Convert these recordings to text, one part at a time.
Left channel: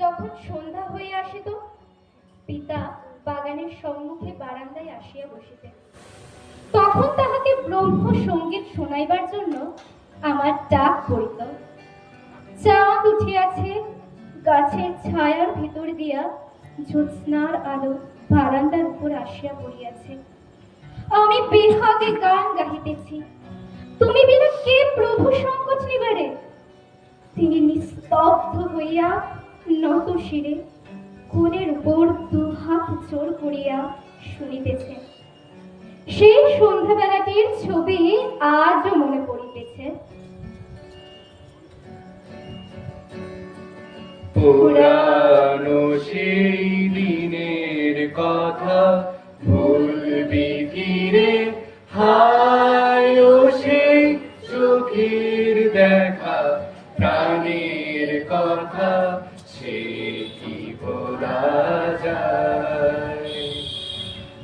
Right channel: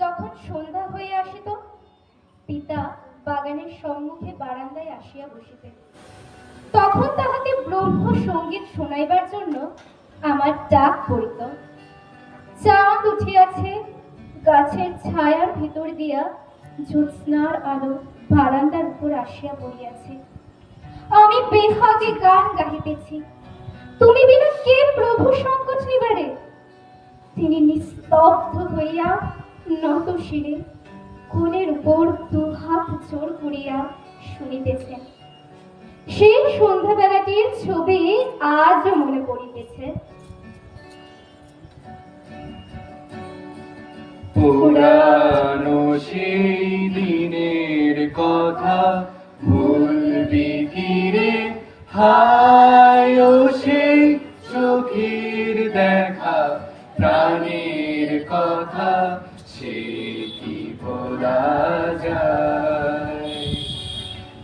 যখন সন্ধ্যা হইয়া আসিত, পিতা বাগানের সম্মুখে বারান্দায় আসিয়া বসিতেন। তখন তাহাকে ব্রহ্ম সঙ্গীত শোনাইবার জন্য আমার ডাক পড়িত। চাঁদ উঠিয়াছে, গাছের ছায়ার ভিতর দিয়া জ্যোৎস্নার আলো বারান্দার উপর আসিয়া পড়িয়াছে। আমি বেহাগে গান গাহিতেছি, তুমি বিনা কে প্রভু সংকট নিবারে। তিনি নিস্তব্ধ হইয়া নত শিরে কোণের উপর দুহাত জোর করিয়া শুনিতেছেন। সেই সন্ধ্যাবেলাটির ছবি আজও মনে পড়িতেছে। পুরানো সেই দিনের কথা ভুলবি কি রে, হায় ও সেই চোখের দেখা, প্রাণের কথা সে কি বলা যায়।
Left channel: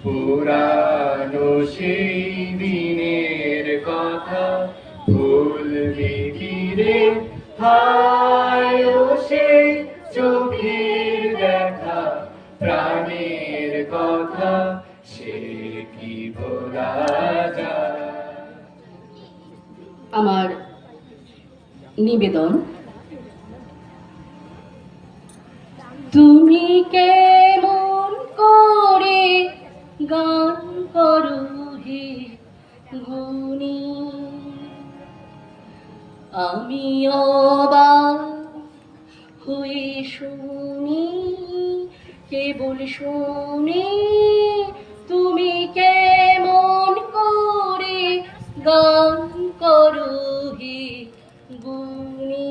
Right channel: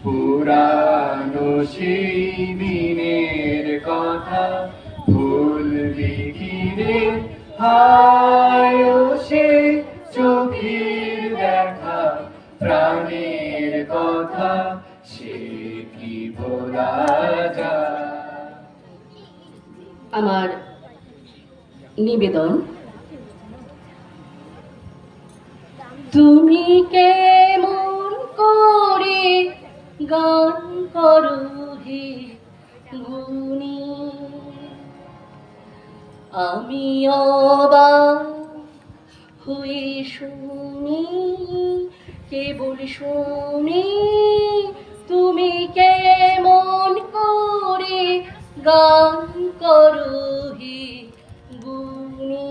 পুরানো সেই দিনের কথা ভুলবি কি রে, হায় ও সেই চোখের দেখা, প্রাণের কথা সে কি বলা যায়। আমার নিবেদন, তুমি কেমন করে গান করো হে গুণী, আমি অবাক হয়ে শুনি, কেবল শুনি, তুমি কেমন করে গান করো হে গুণী।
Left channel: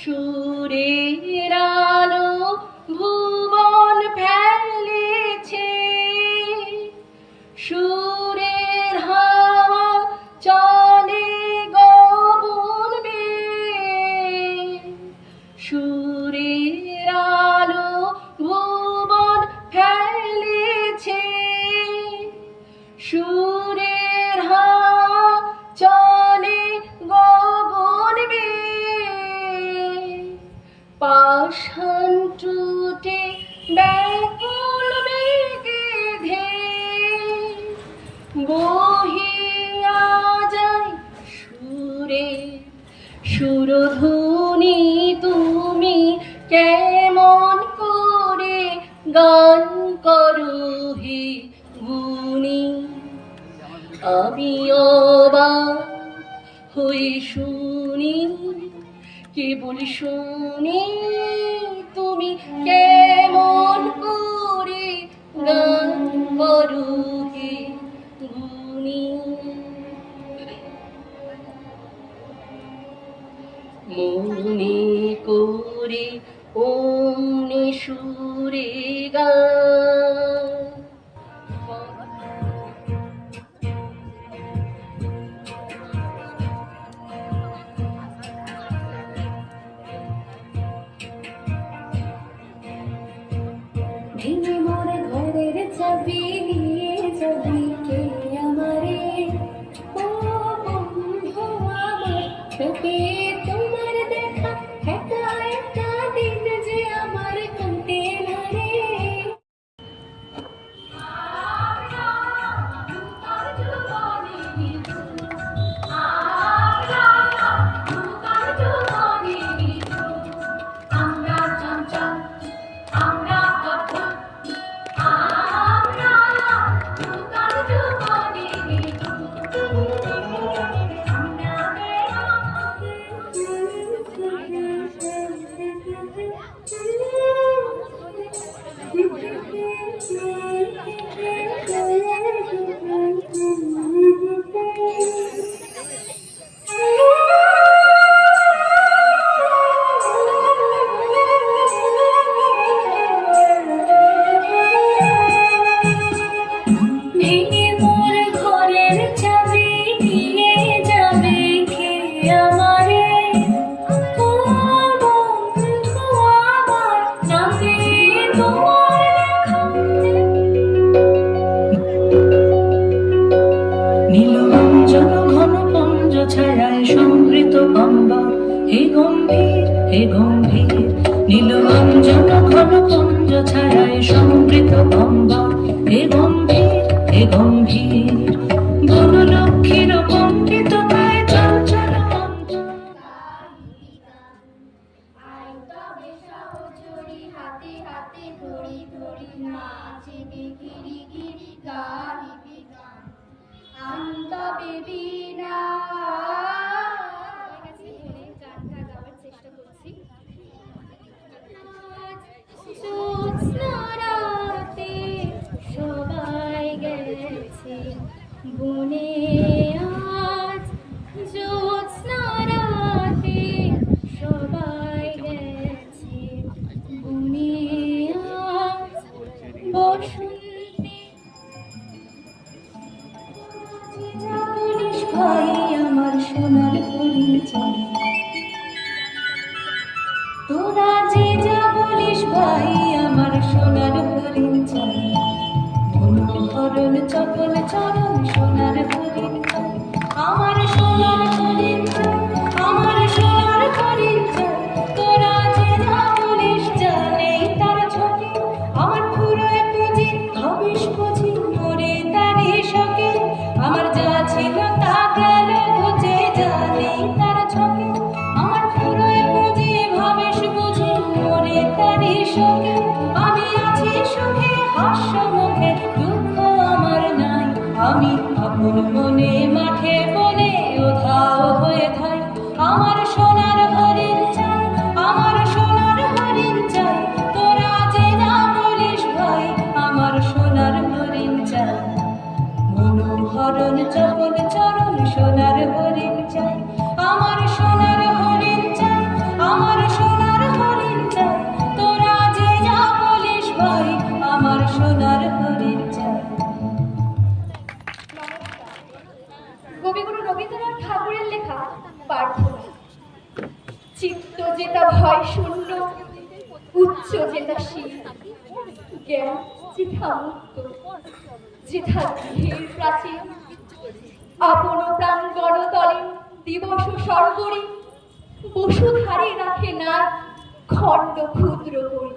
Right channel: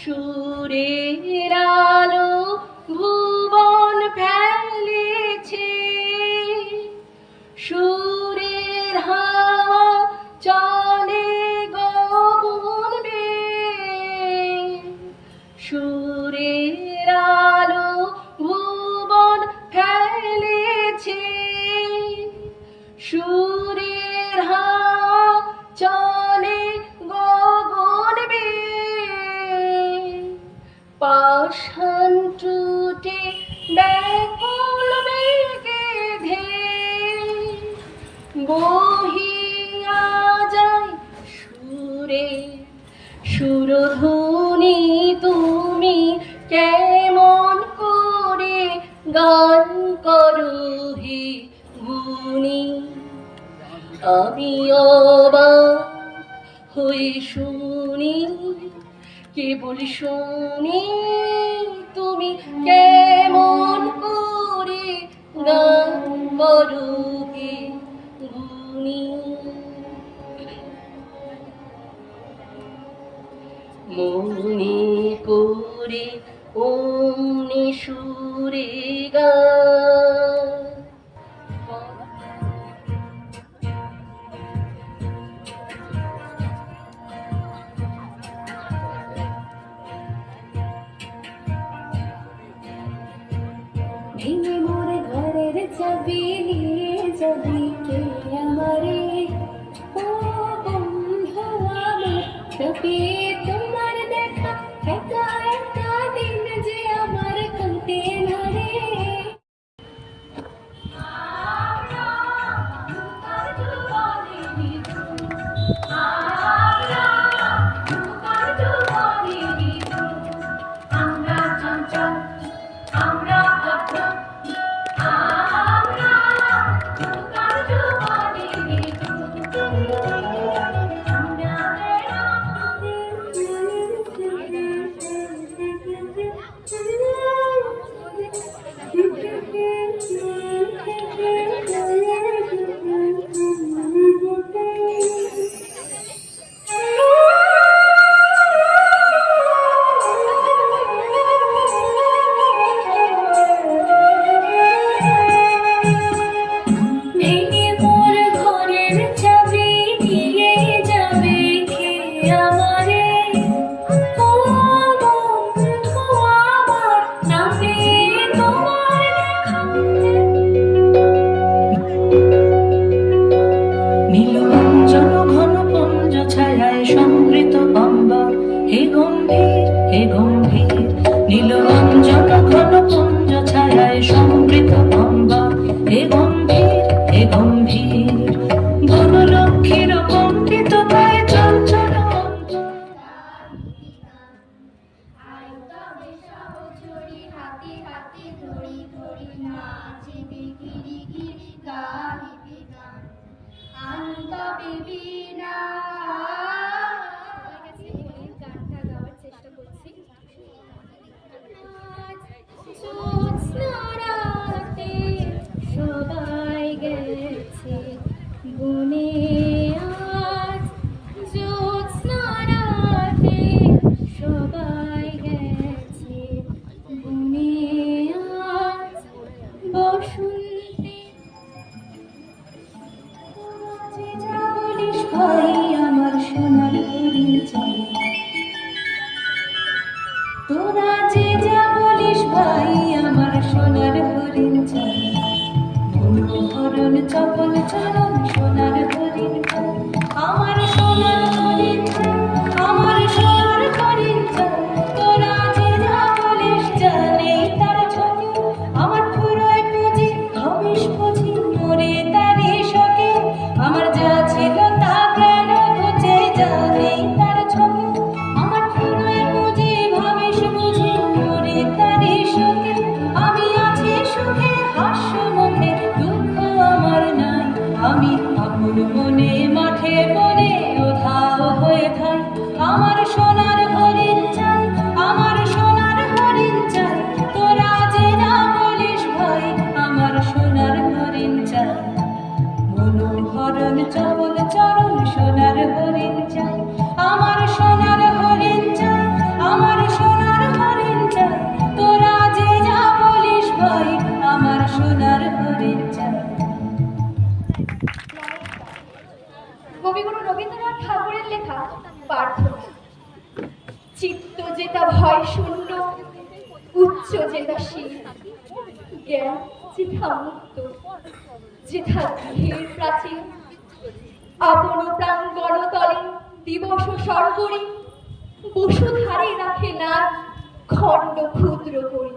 সুরের আলো ভুবন ফেলেছে, সুরের হাওয়া চলে গগন বেয়ে, সুরের আলো ভুবন ফেলেছে, সুরের হাওয়া চলে গগন বেয়ে, পাষাণ টুটে ব্যাকুল বেগে ধেয়ে বহিয়া যায় সুরে সুরধুনী। তুমি কেমন করে গান করো হে গুণী, আমি অবাক হয়ে শুনি, কেবল শুনি, তুমি কেমন করে গান করো হে গুণী। মনে করে অমনি সুরে গান, ভেঙে মোর ঘরের চাবি নিয়ে যাবি কে আমারে, ও বন্ধু আমার চোখে তোমার দেখা, একা একা দিন যে আমার কাটে না রে। নীল অঞ্চল ঘন পুঞ্জ ছায়ায় সমৃত বলে গম্ভীর বনলক্ষ্মীর পণ্ডিততায় চঞ্চল সবাই গেছে বনে আজ জ্যোৎস্না রাতে সবাই গেছে বনে আজ বসন্তে বলিস ভাই আমার সোনার পরিচয় তোরা যে যা বলিস ভাই আমার সোনার পরিচয় মনোহরণ চপল চরণ সোনার পরিচয় আমার সোনার পরিচয় আমার সোনার পরিচয় তোরা যে যা বলিস জানে তার ছবি আমার পুরো পুঁজি হবিস বুঝি মরে তারে শখে আমার যা ছিল তা গেল বুঝে জানে তার ছবি আমার পুরো পুঁজি ভাবিস বুঝি মরে তারে শখে আমি আছি সুখে হাস্য মুখে দুঃখ আমার নাই আমি আপন মনে মাঠে বলে উধাও হয়ে থাই আমার সোনার হরিণ চাই আমার সোনার হরিণ চাই তোরা যে না বলিস ভাই আমার সোনার হরিণ চাই মনোহরণ চপল চরণ সোনার হরিণ চাই আমার সোনার হরিণ চাই আমার সোনার হরিণ চাই তোরা যে যা বলিস ভাই আমার সোনার হরিণ চাই। কবিগুরু রবীন্দ্রনাথ ঠাকুরের লেখা প্রার্থনা। চিত্ত যেটা ভয় শূন্য, উচ্চ যেটা শীল, জ্ঞান যেথা মুক্ত, যেথা ধীর প্রাচীন, আপন প্রাণ গণতলে দিবস স্বর্গরে বসুধারে রাখে না খণ্ড ক্ষুদ্র করি।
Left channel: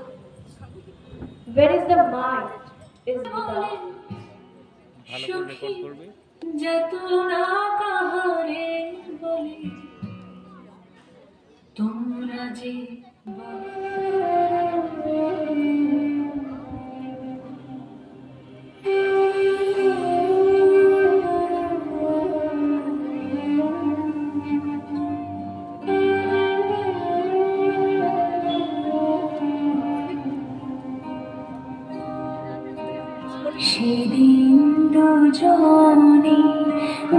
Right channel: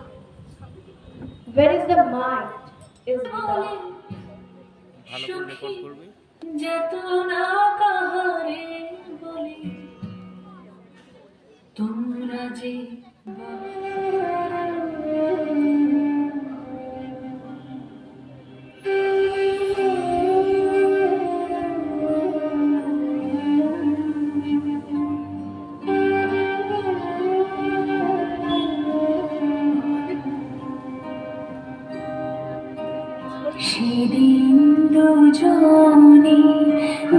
Where is the mind is love. ভালো করে রেকর্ড করবে। যত না কাহারে বলে তোমরা যে সেদিন দুজনে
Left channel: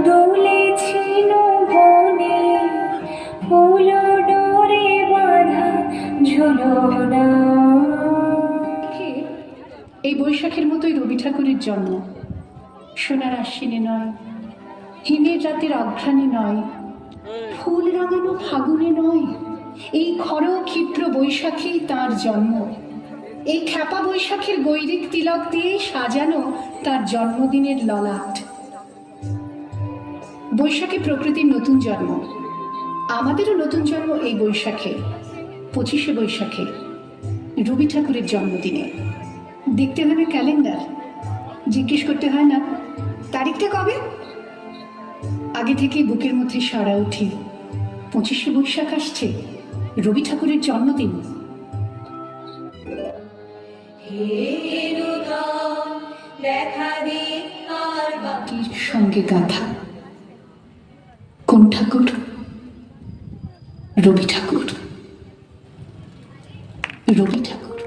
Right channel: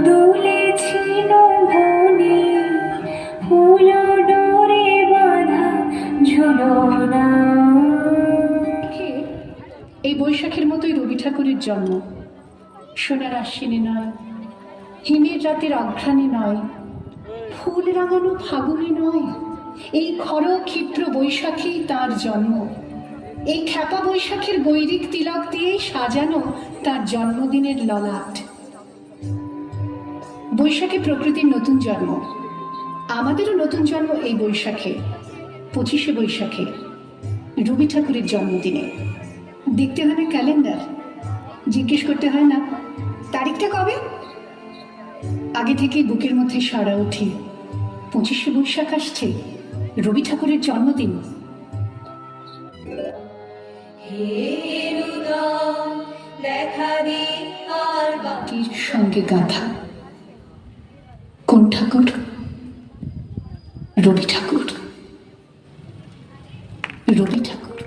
দুলেছিল বনে ফুলো ডোরে বাঁধা ঝুলনা। এই বৈশাখের মতোই রবি ঠাকুরের জন্ম। সোনার আশ্বিনে নয়, হিমের রাতের অঘ্রাণে নয়, ফুল রাঙানো ফাগুনে নয়, এই খর ক্ষিপ্র বৈশাখী তার জন্ম। এই খ্যাপা বৈশাখীর গৈরিক তিলক দিয়ে সাজানো তার জন্মদিনের ললাট। বৈশাখী প্রকৃতির নতুন জন্ম, আমাদেরও নতুন জন্ম এই বৈশাখে, 25শে বৈশাখে, রবি ঠাকুরের জন্মদিনে। দেখতে হবে ক্যালেন্ডার, জিজ্ঞেস করতে হয় না তারিখটা কবে। আগে থেকে বুকের মধ্যে সারা উঠি, 25শে বৈশাখ আসছে, রবি ঠাকুরের জন্মদিন। মাটির সঙ্গে গাঁথা কোন ঠাকুর? রবি ঠাকুর। রবি ঠাকুর।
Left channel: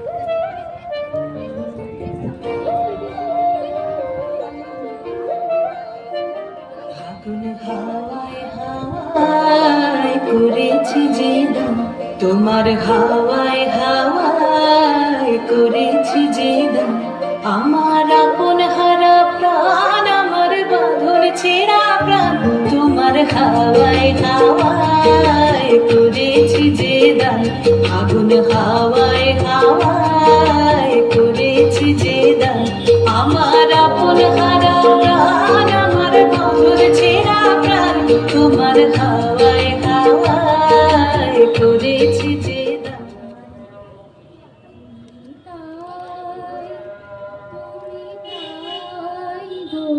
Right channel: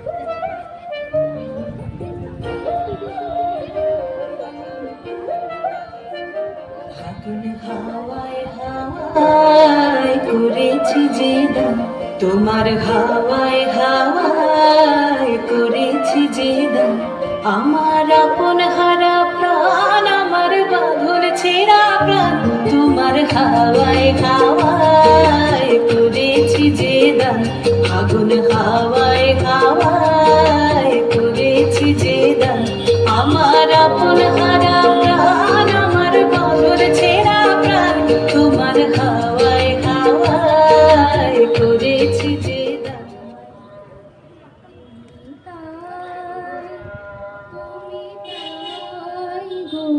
ফাগুন হাওয়ায় হাওয়ায় করেছি যে দাম, তোমার হাওয়ায় হাওয়ায় করেছি যে দাম, আমার আপন হারা প্রাণ, আমার বাঁধন ছেঁড়া প্রাণ, তোমার হাওয়ায় হাওয়ায় করেছি যে দাম, ফাগুন হাওয়ায় হাওয়ায় করেছি যে দাম, আমার আপন হারা প্রাণ, আমার বাঁধন ছেঁড়া প্রাণ, তোমার হাওয়ায় হাওয়ায় করেছি যে দাম। তুমি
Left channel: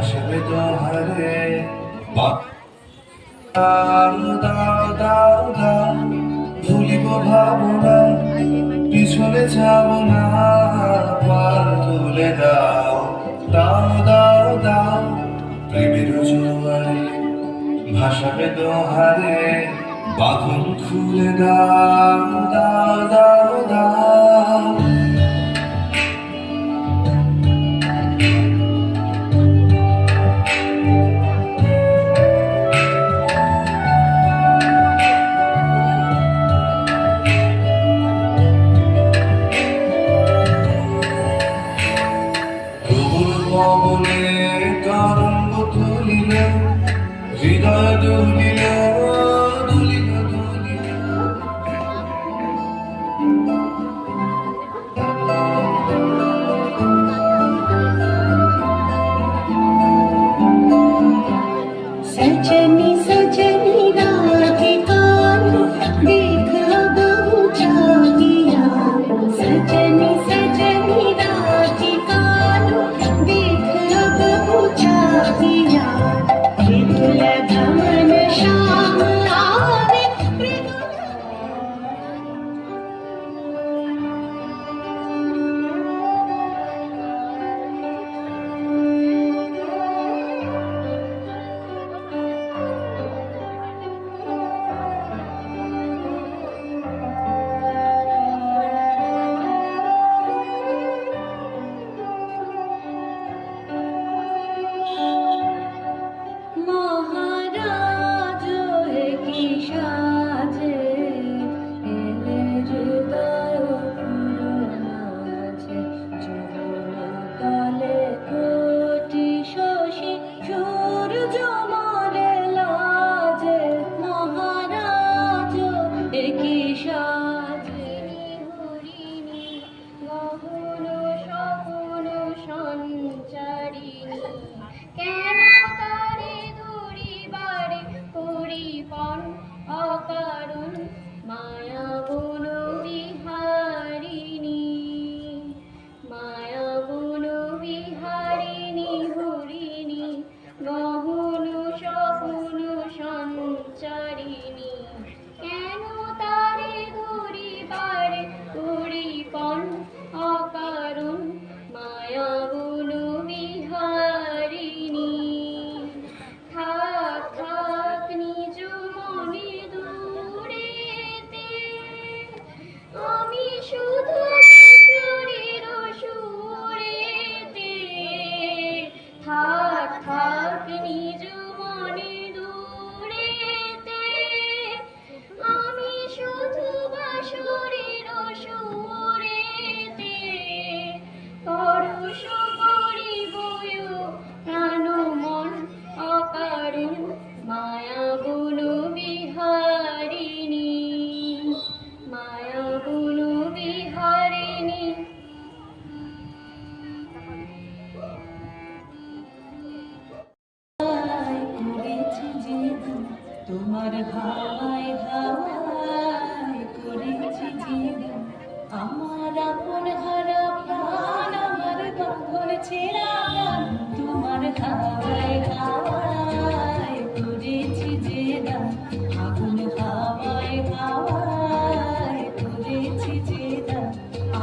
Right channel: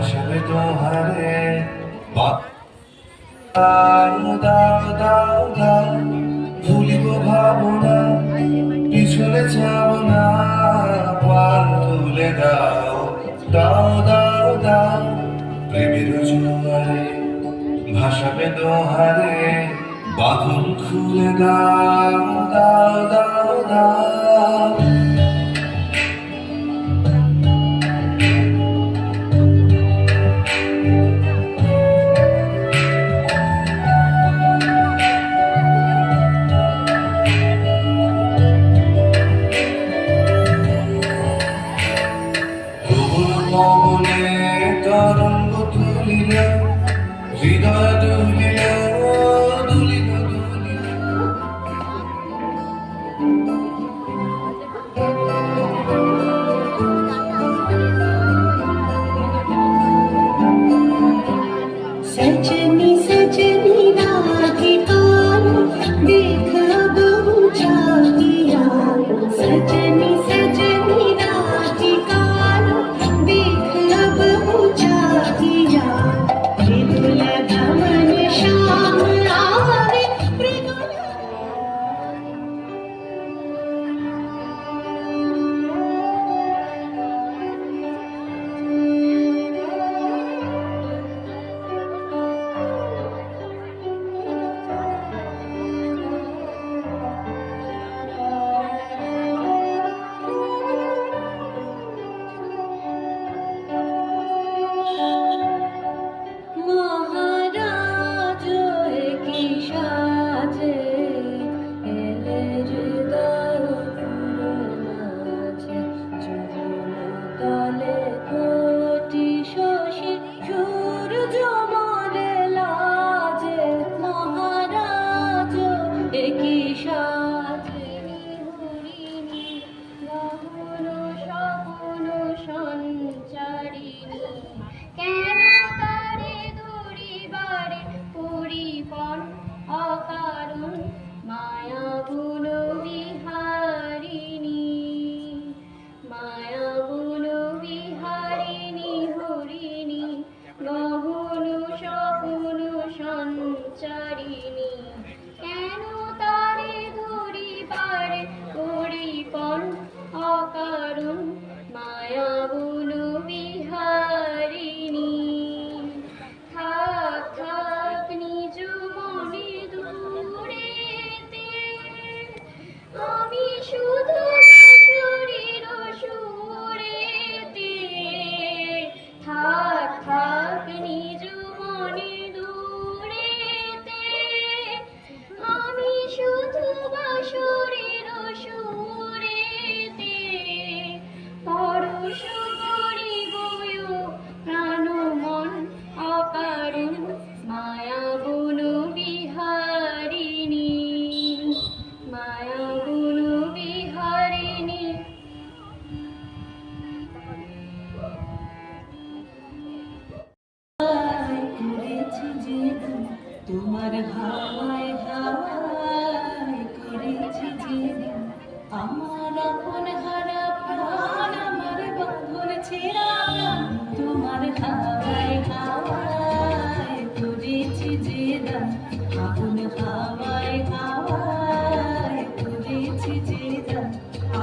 ভাসাবে দোহারে দাও দাও দাও দাও ভুলিব ভাবনা পিছনে যাব না পার তুলে দাও দাও দাও দাও প্রেমের জোয়ারে ভাসাবে দোহারে বাঁধন খুলে দাও দাও দাও দাও পবনে তরঙ্গ তুলিল হৃদয় দুলিল দুলিল দুলিল सजनी सजनी राधिकाल देखब उजागिया सजनी सजनी राधिकाल देखब उजागिया विपुल भवन श्याम आवे মহারাজ কি সাজে এলে হৃদয় পুরনাছে চরণ তলে কোটি শশী সূর্য মরে লাজে মহারাজ কি সাজে হরিণী গহন স্বপ্ন সঞ্চারিণী কেন তারে দূরিবারে পরিপন অকারণ মায়া গুণ বিহারিণী মায়া গুণ বিহারিণী হরিণী গহন স্বপ্ন সঞ্চারিণী কেন তারে দূরিবারে পরিপন অকারণ মায়া গুণ বিহারিণী থাক থাক নিজ মনে দূরেতে আমি শুধু শরীর সুরেতে থাক থাক নিজ মনে দূরেতে আমি শুধু শরীর সুরেতে পরশ করিব প্রাণ মন অকারণ মায়া গুণ বিহারিণী মায়া গুণ বিহারিণী করেছি জীবন তোমার হাওয়ায় হাওয়ায় করেছি জীবন আমার আপন হারা প্রাণ আমার বাঁধন ছেঁড়া প্রাণ তোমার হাওয়ায় হাওয়ায় করেছি জীবন আগুন হাওয়ায় হাওয়ায় করেছি জীবন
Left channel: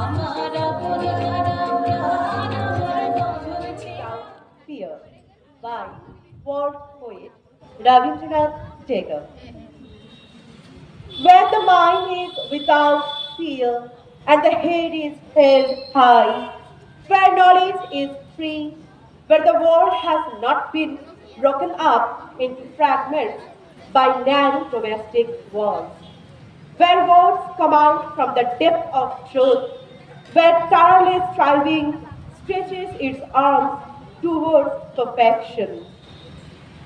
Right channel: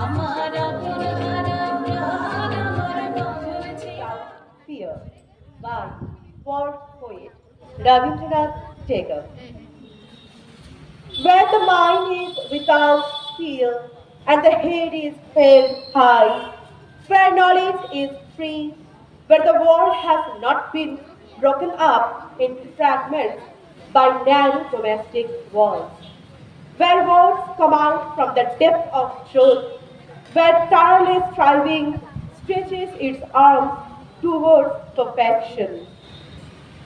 আমার আপন হারা প্রাণ আমার বাঁধন ছেঁড়া Fear by war poet Rabindranath Tagore. Where the mind is without fear and the head is held high, where knowledge is free, where the world has not been broken up into fragments by narrow domestic walls, where words come out from the depth of truth, where tireless striving stretches its arms towards perfection,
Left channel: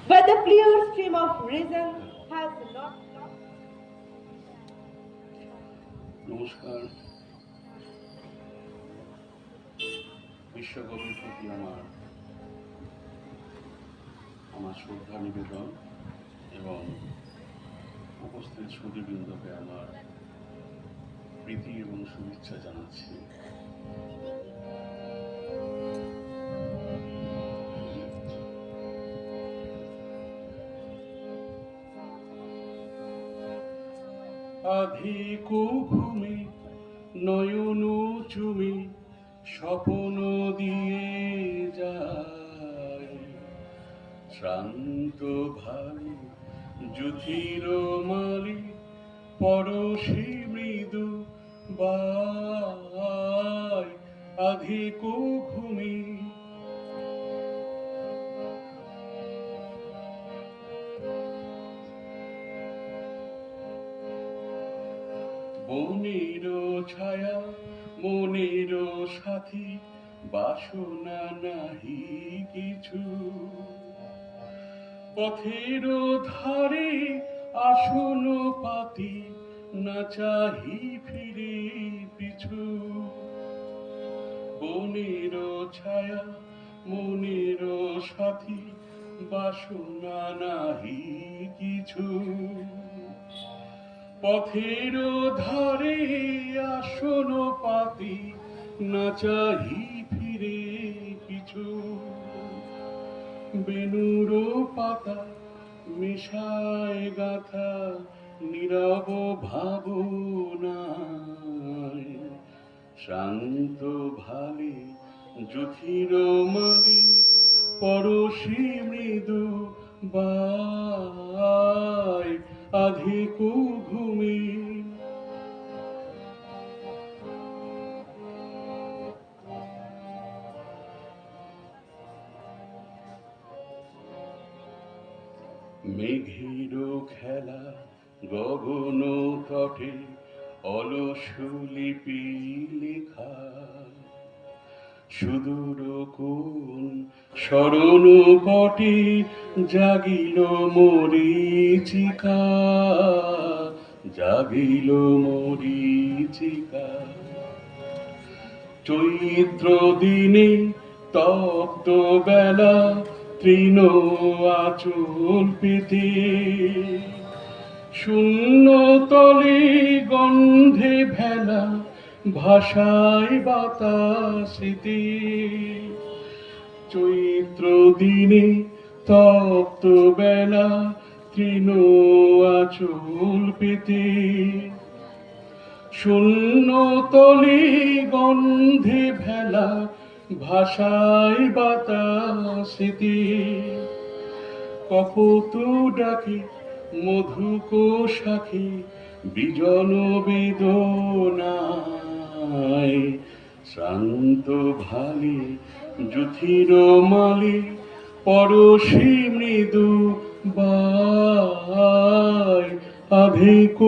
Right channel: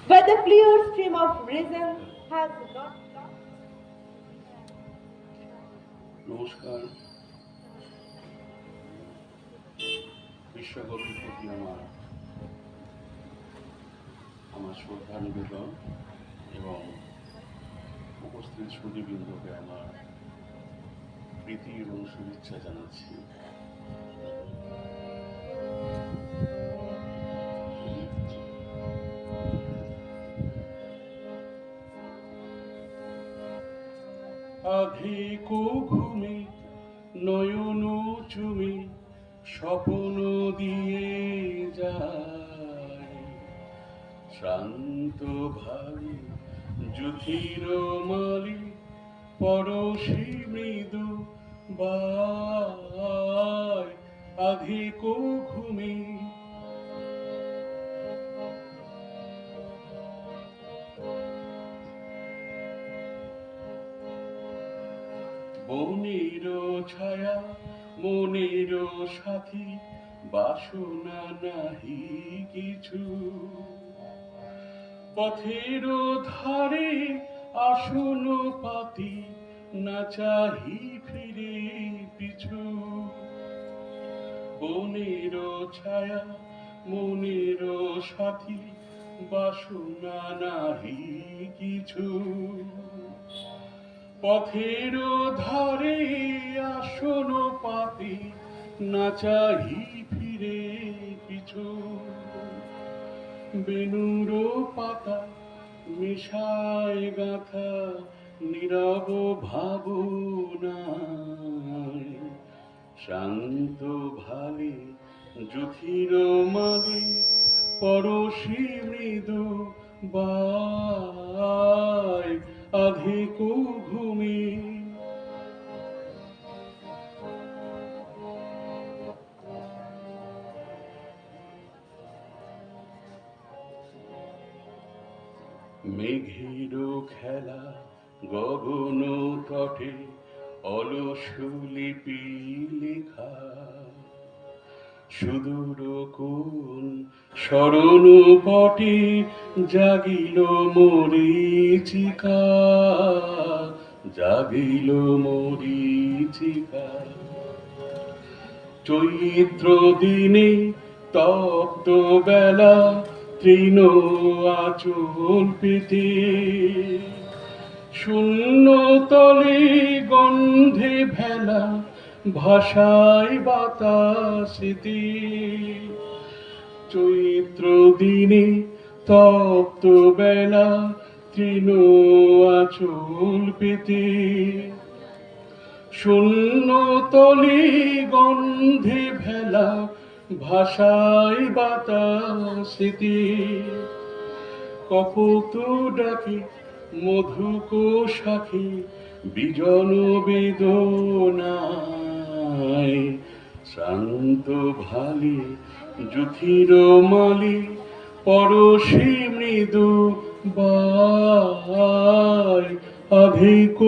where the clear stream of reason has not lost. নমস্কার। বিশ্বকবির প্রতি আমার শ্রদ্ধা নিবেদন এবং উপস্থিত সুধীবৃন্দকে আমার প্রীতি এবং শুভেচ্ছা জানাচ্ছি। আধিক ঘুমে নয়ন চুমে স্বপ্ন দিয়ে যায় শ্রান্ত ভাবে জ্যোতির মালি পরশী মৃদু বাই আধিক ঘুমে বনের ছায়া মনের সাথী বাসনা নাহি কিছু পথের ধারে আসন পাতি না চাহি ফিরে পিছু বনের ছায়া মনের সাথী বাসনা নাহি কিছু পথের ধারে আসন পাতি না চাহি ফিরে পিছু বেনুর পাতা মিশায় গাথা নীরব ভাবনায় শান্ত ভালে জ্যোতির মালে পরশী মৃদু বাই আধিক ঘুমে মেঘের খেলা গগন তটে অলস লিপি লেখা সুদূর কোন স্মরণ পটে জাগিল মরীচিকা জাগিল মরীচিকা চৈত্র দিনে তপ্ত বেলা তৃণ আচল পেতে শূন্য তলে গন্ধে ভেলা ভাষায় বাতাসেতে চৈত্র দিনে তপ্ত বেলা তৃণ আচল পেতে শূন্য তলে গন্ধে ভেলা ভাষায় বাতাসেতে কপত ডাকে মধুক শাখে বিজন বেদনায় শান্ত ভালে জ্যোতির মালে পরশী মৃদু বাই আধিক